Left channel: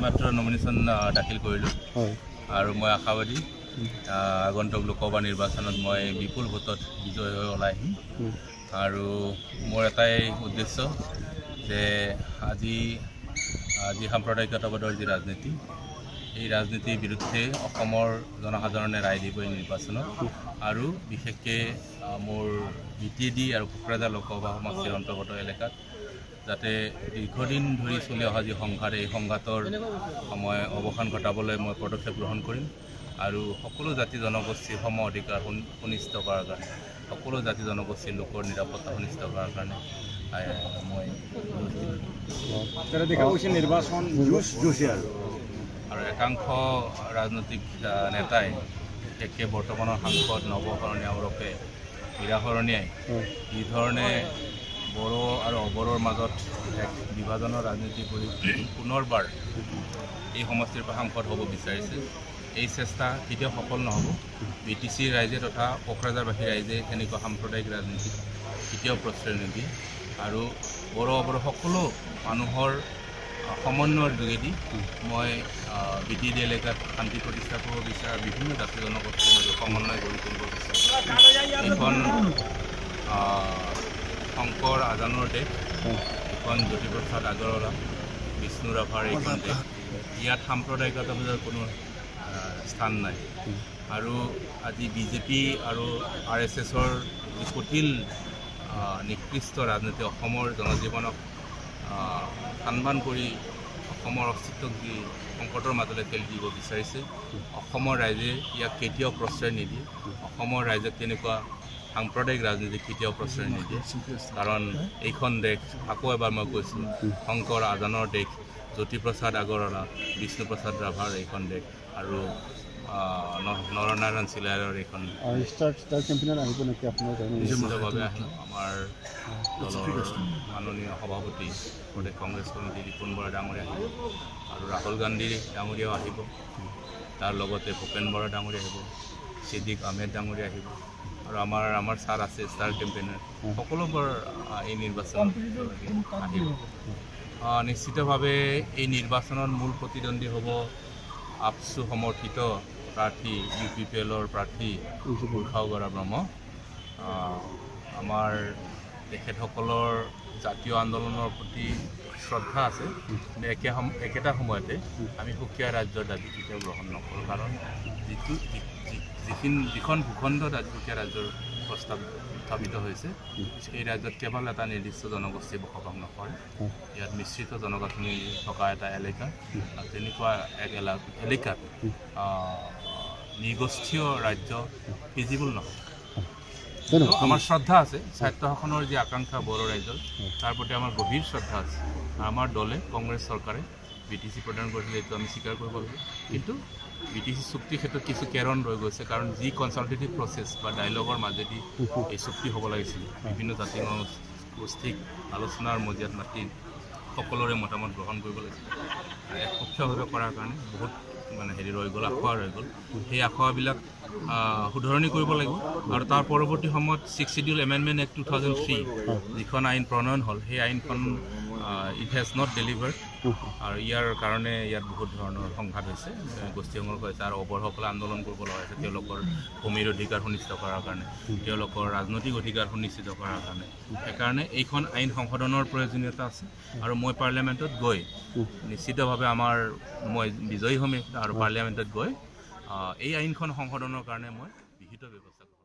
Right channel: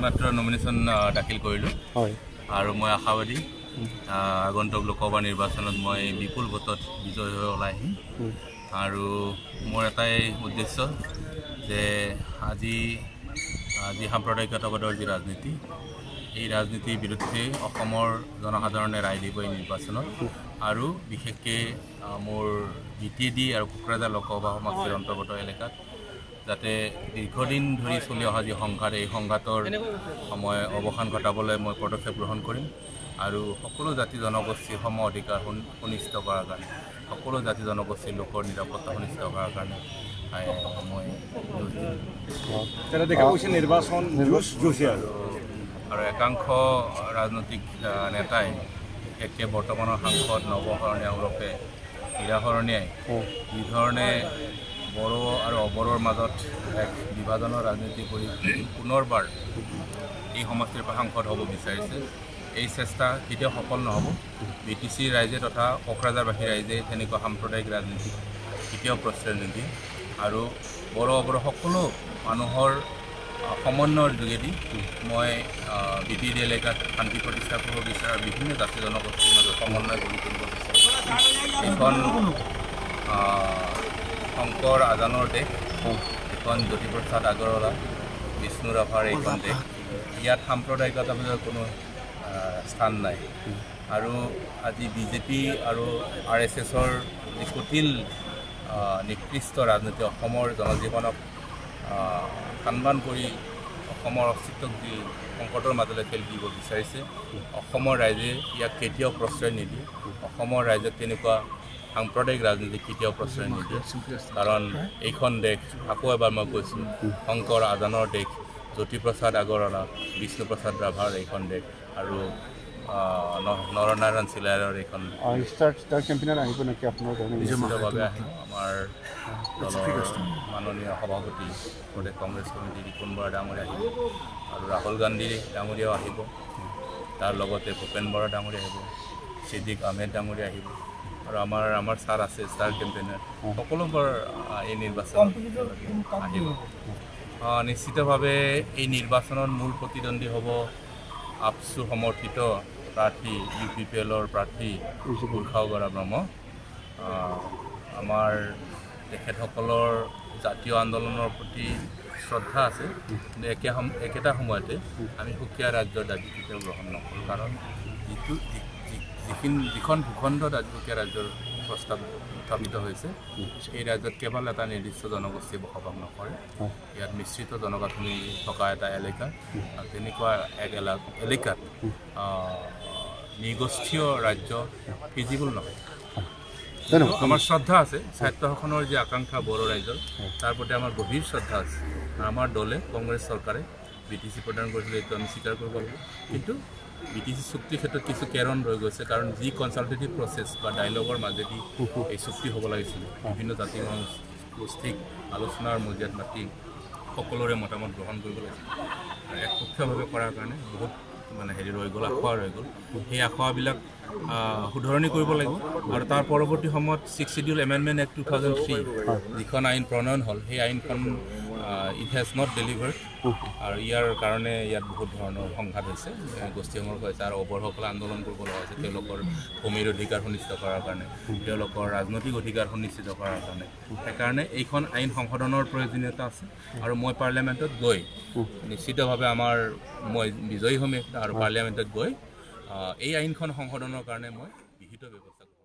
এইমাত্ৰ নমিনেশ্যন দাখিল কৰিলোঁ আৰু মই আশাবাদী আগন্তুক লোকসভা নিৰ্বাচনত মই বিপুল ভোটত বিজয় হৈ ওলাই আহিম আৰু মোৰ এটাই উদ্দেশ্য যে আজি সাম্প্ৰদায়িকতাবাদৰ যি ৰাজনীতি এই ৰাজনীতিৰ বিৰুদ্ধে অসমৰ জনসাধাৰণে ৰায় দিব এই নিৰ্বাচনত আৰু বিশেষকৈ মোৰ বিটিডি আৰু কোকৰাঝাৰ লোকসভা সমষ্টিৰ অন্তৰ্গত এলেকাত যাতে দীৰ্ঘদিন ধৰি চলি অহা যি সংঘাত এই সংঘাতৰ সময় অৱসান ঘটাবলৈ মই পদক্ষেপ গ্ৰহণ কৰিম আৰু সকলো জাতি জনগোষ্ঠীৰ সম অধিকাৰ সুনিশ্চিত কৰাৰ কাৰণে সকলো জাতি জনগোষ্ঠীৰ লোকৰ নিৰাপত্তা সুনিশ্চিত কৰাৰ কাৰণে মই আৰু একাংশ ৰাজনৈতিক নেতাই বিশেষকৈ বৰ্তমানৰ সাংসদ নৱশৰণীয়া ওৰফে হীৰাশৰণীয়াই যিধৰণে বড়ো আৰু অবড়োৰ মাজত এক বিভাজনৰ ৰাজনীতি কৰি পুনৰবাৰ এই সমষ্টিৰ পৰা সাংসদ হ'ব বিচাৰিছে এই চেষ্টা কেতিয়াও সফল নহ'ব বিটিচিৰ ৰাইজে তথা কোকৰাঝাৰবাসী ৰাইজে এনেকুৱা সাম্প্ৰদায়িক ৰাজনীতি কেতিয়াও প্ৰশ্ৰয় নিদিয়ে আৰু বড়ো অবড়ো সকলো মানুহৰ সমন্বয়ৰ যোগেদি মই বিটিডি এলেকাত শান্তি প্ৰতিষ্ঠা কৰিব বিচাৰোঁ বিভিন্ন জাতি জনগোষ্ঠীৰ মাজত সমন্বয় গঢ়ি তুলিব বিচাৰোঁ এইখন শংকৰ আজানৰ দেশ এখন জ্যোতিপ্ৰসাদ আগৰৱালা বিষ্ণু ৰাভাৰ এইখন দেশ ইয়াত সাম্প্ৰদায়িকতাবাদৰ কোনো স্থান নাই আৰু আজি বিজেপি আৰু RSSৰ যি কুটিল নিকৃষ্ট ৰাজনীতি অসমৰ জনজীৱনক সন্মান কৰি অসমৰ অস্তিত্বক যি সংকটৰ মাজলৈ ঠেলি দিব বিচাৰিছে অসমৰ ৰাইজে ইয়াক কেতিয়াও প্ৰশ্ৰয় নিদিয়ে অসমৰ ৰাইজক তেনেকুৱা সাম্প্ৰদায়িক ৰাজনীতি কেতিয়াও প্ৰশ্ৰয় নিদিয়ে কাৰণ এইখন দেশ আকৌ এবাৰ মই কৈছোঁ শংকৰ আজানৰ দেশ জ্যোতিপ্ৰসাদ আগৰৱালা বিষ্ণুপ্ৰসাদ ৰাভাৰ এইখন দেশ আৰু নৰনাৰায়ণ চিলাইৰ এইখন নিশ্চিতভাৱে আহিব আমাৰ দলৰ মাননীয় সভাপতি প্ৰদেশ কংগ্ৰেছ কমিটি ৰিপুণ বৰা ডাঙৰীয়া আহিব আৰু ৰাহুল গান্ধী ডাঙৰীয়াও আহিব তাৰ লগতে ভূপেন বৰা ডাঙৰীয়া আহিব ছিদ্দিক আহমেদ ডাঙৰীয়া আহিব আৰু আমাৰ ছাৰ আছে ষ্টাৰ কেম্পেইনাৰ সকলোবোৰ এই নিৰ্বাচনত আহিব নিশ্চিতভাৱে এই নিৰ্বাচনত মূল প্ৰতিদ্বন্দ্বী হ'ব আপচু সমৰ্থিত প্ৰাৰ্থী UPPLৰ প্ৰাৰ্থী উৰ্খাওগৰা ব্ৰহ্ম আমাৰ তেখেতসকলৰ জাতীয় আন্দোলনৰ প্ৰতি শ্ৰদ্ধা আছে কিন্তু একেটা সময়তে আমি সুকীয়া ৰাজ্যৰ দাবী কেতিয়াও গ্ৰহণ নকৰোঁ কাৰণ যিখন ভূখণ্ডত আজি সুকীয়া ৰাজ্যৰ প্ৰস্তাৱ উত্থাপিত হৈছে এই ৰাজ্যত কেৱল এটা নিৰ্দিষ্ট জনগোষ্ঠীয়ে বসবাস নকৰে ইয়াত মিশ্ৰিত জনগাঁথনি থকা এটা এলেকা আৰু তেনেকুৱা এক এলেকাত নিগোষ্ঠীয় ৰাজ্য ফিজিবল নহয় কিন্তু আমাৰ শ্ৰদ্ধা আছে স্বায়ত্তশাসনৰ যি আকাংক্ষা বড়ো ৰাইজৰ তাৰ প্ৰতি আমাৰ গভীৰ শ্ৰদ্ধা আছে আমাৰ দলে কংগ্ৰেছ চৰকাৰে BTC প্ৰদান কৰিছিলে এইটো আমি স্বীকাৰ কৰিব লাগিব কিন্তু BTC চুক্তিৰ ক্ষেত্ৰত কিছু কেৰণ ৰৈ গৈছে কাৰণ যি কনচালটেটিভ প্ৰচেছ বা ডাইলগৰ মাজেদি এই চুক্তি হ'ব লাগিছিল বিভিন্ন জাতি গোষ্ঠীক আলোচনাৰ মজিয়াত মাতি সকলোৰে মতামত গ্ৰহণ কৰিব লাগিছিল আৰু একপক্ষীয়ভাৱে কৰাৰ কাৰণে বহুত ৰৈ গ'ল আখোৱা ৰৈ গ'ল সেই আখোৱাবিলাক শুধৰণি কৰিব লাগিব আৰু তাৰ পৰৱৰ্তী সময়ত 6th Schedule Amendment Act 2003 যিখন আইন প্ৰণয়ন হ'ল সেই আইনখন ইট হেজ নট ডেলিভাৰ্ড আৰু ইয়াৰ কাৰণে ইয়াত বহুত ধৰণৰ সংঘাত হৈছে গোষ্ঠী সংঘৰ্ষ হৈছে আৰু অবড়োসকলে আন্দোলন কৰিব লগা হৈছে তেওঁলোকৰ ভূমিৰ অধিকাৰ সুনিশ্চিত কৰাৰ কাৰণে তেওঁলোকৰ ৰাজনৈতিক অধিকাৰ সুনিশ্চিত কৰাৰ কাৰণে সেইকাৰণে এইখন আইন সংশোধনৰ প্ৰয়োজনীয়তা আছে আৰু মই পাৰ্লিয়ামেণ্টত গৈ নিশ্চিতভাৱে মই বিজয়ী হ'ম আৰু পাৰ্লিয়ামেণ্টত গৈ এই আইনখন সংশোধনৰ কাৰণে মই বিহিত ব্যৱস্থা কৰিম